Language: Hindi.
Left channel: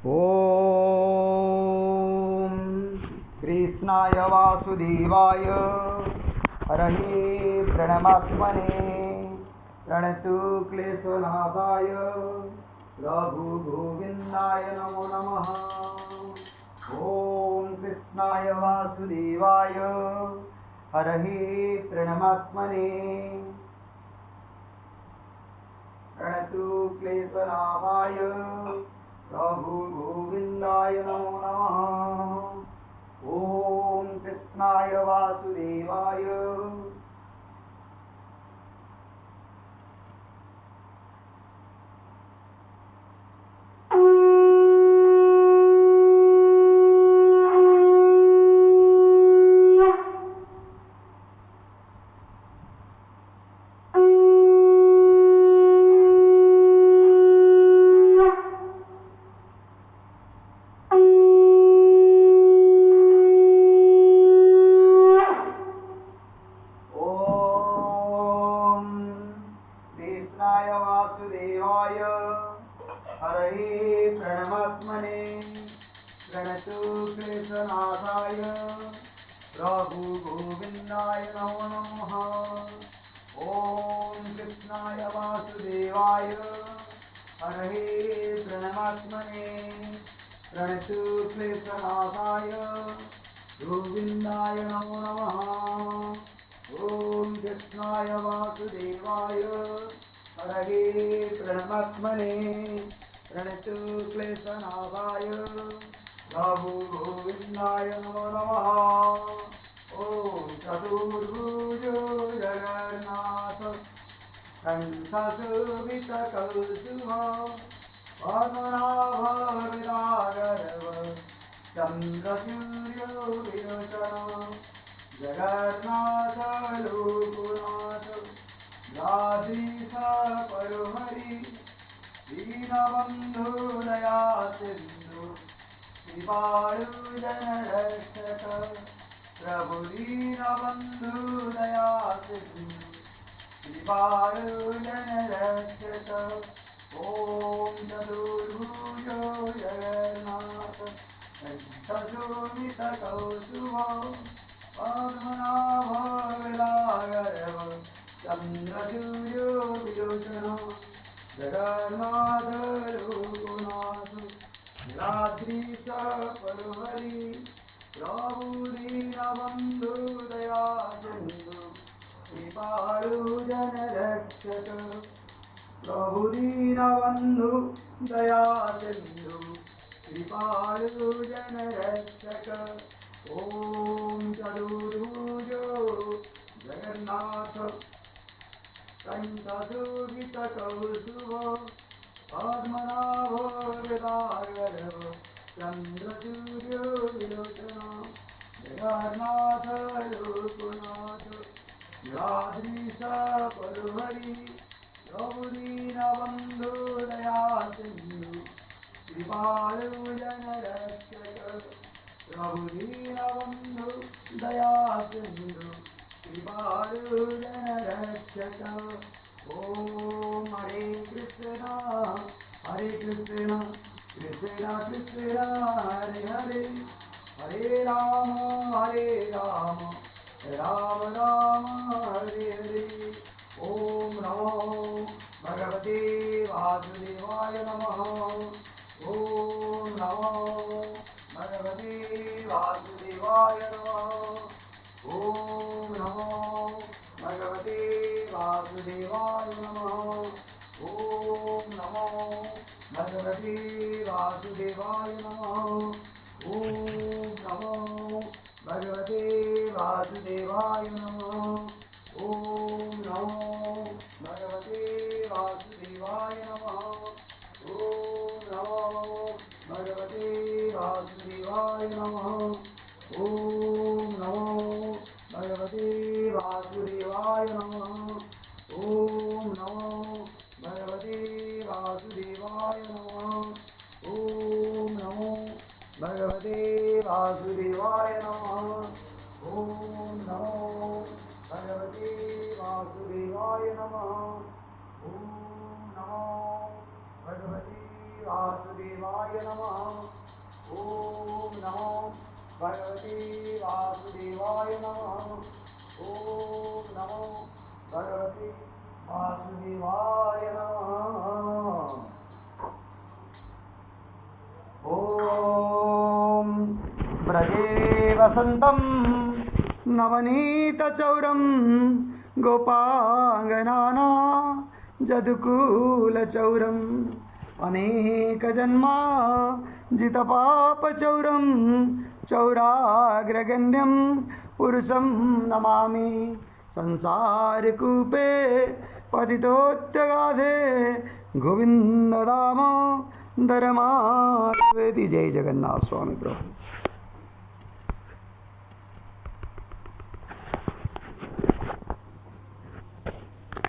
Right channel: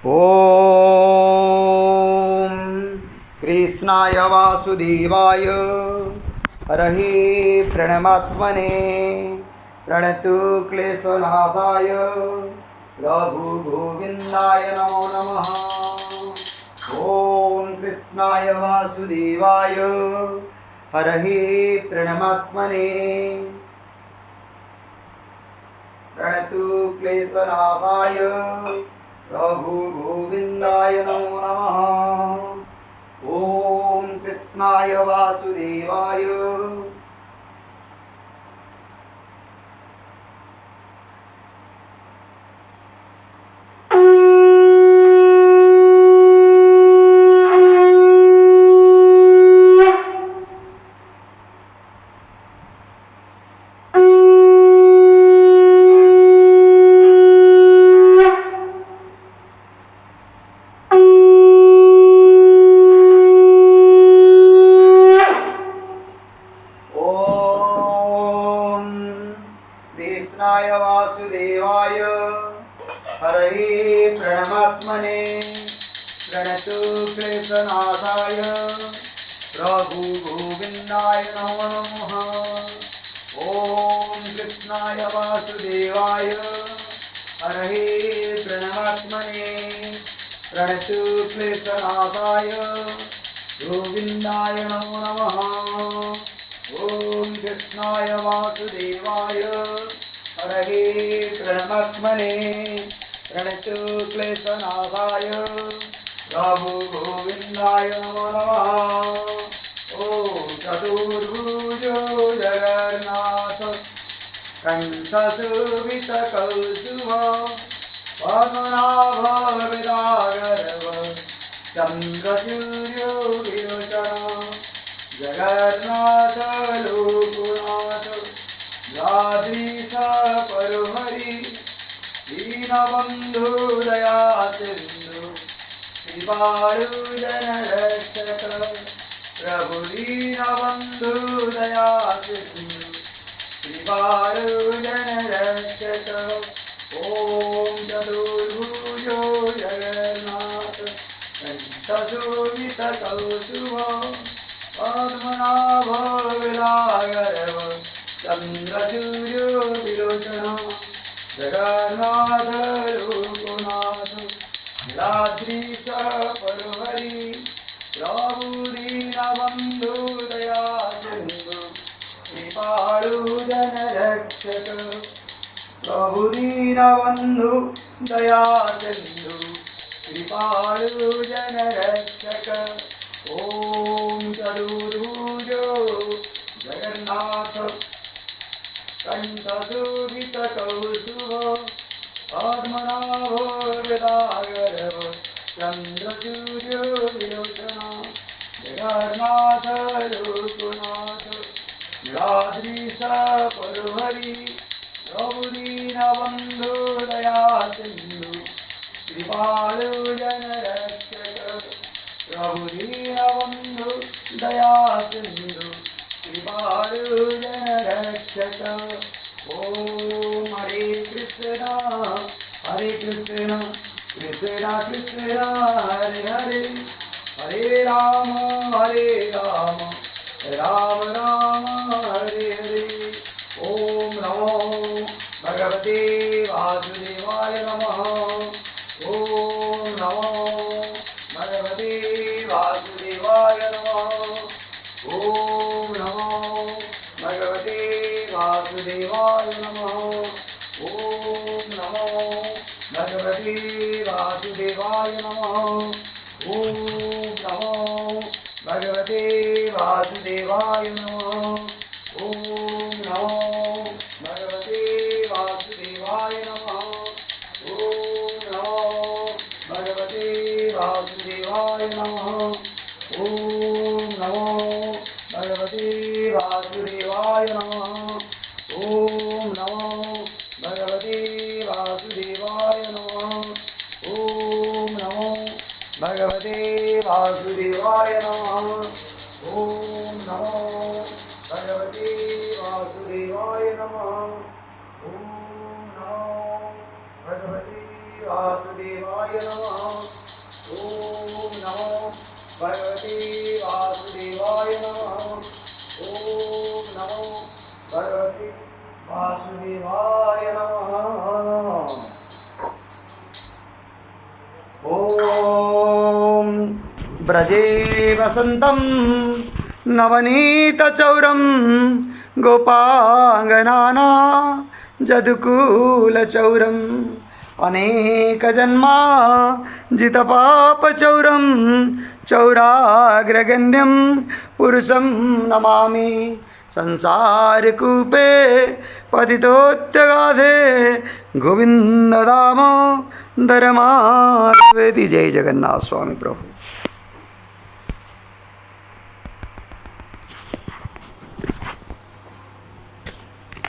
ॐ कृष्णाय वासुदेवाय हरहि प्रणमात्मने प्रणतु क्लेशनाशाय रघुगोविन्दाय नमो नमः। ॐ कृष्णाय वासुदेवाय हरहि प्रणमात्मने प्रणतु क्लेशनाशाय रघुगोविन्दाय नमो नमः। ॐ कृष्णाय वासुदेवाय कृष्णाय वासुदेवाय हरहि प्रणमात्मने प्रणतु क्लेशनाशाय रघुगोविन्दाय नमो नमः। ॐ कृष्णाय वासुदेवाय हरहि प्रणमात्मने प्रणतु क्लेशनाशाय गोविन्दाय नमो नमः। ॐ कृष्णाय वासुदेवाय हरहि प्रणमात्मने प्रणतु क्लेशनाशाय रघुगोविन्दाय नमो नमः। ॐ चतुर्भुजो जगन्नाथ कंठशोभितकौस्तुभ पद्मनाभविरागर्व चन्द्रसूर्यो विलोचन जगन्नाथ लोकनाथ यादृश परोहरि दीनबन्धु दया सिन्धु कृपालु जनरक्षक प्रभु दीनबन्धु दया सिन्धु कृपालु जनरक्षक। ॐ चतुर्भुजो जगन्नाथ कंठशोभितकौस्तुभ पद्मनाभविरागर्व चन्द्रसूर्यो विलोचन जगन्नाथ लोकनाथ नीलाद्रीश परोहरि प्रभु दीनबन्धु दया सिन्धु कृपालु जनरक्षक प्रभु दीनबन्धु दया सिन्धु कृपालु जनरक्षक। ॐ चतुर्भुजो जगन्नाथ कंठशोभितकौस्तुभ पद्मनाभविरागर्व चन्द्रसूर्यो विलोचन जगन्नाथ लोकनाथ नीलाद्रीश परोहरि प्रभु दीनबन्धु दया सिन्धु कृपालु जनरक्षक प्रभु दीनबन्धु दया सिन्धु कृपालु जनरक्षक। ॐ हरे कृष्ण कृष्ण कृष्ण हरे हरे हरे राम राम राम हरे हरे। ॐ नमो भगवते वासुदेवाय नमः। ॐ नमो भगवते वासुदेवाय नमः। ॐ नमो भगवते वासुदेवाय नमः। ॐ नमो भगवते वासुदेवाय नमः। ॐ नमो भगवते वासुदेवाय नमः। ॐ नमो भगवते वासुदेवाय नमः। ॐ नमो भगवते वासुदेवाय नमः। ॐ नमो भगवते वासुदेवाय नमः। ॐ नमो भगवते वासुदेवाय नमः। ॐ नमो भगवते वासुदेवाय नमः। ॐ नमो भगवते वासुदेवाय नमः। ॐ नमो भगवते वासुदेवाय नमः। ओम नमो भगवते वासुदेवाय नमः। ओम नमो भगवते वासुदेवाय नमः। ओम ब्रजे वसन्तं नवनीतचौरं गोपाङ्गनाना जदुकूलचौरम् अनेकजन्मा जितपापचौरं चौराग्रगण्यं पुरुषं नमामि। संसारकूपे पतितोत्यगाधे गोविंद दामोदरमावेति। जय जगन्नाथ स्वामी प्रभु।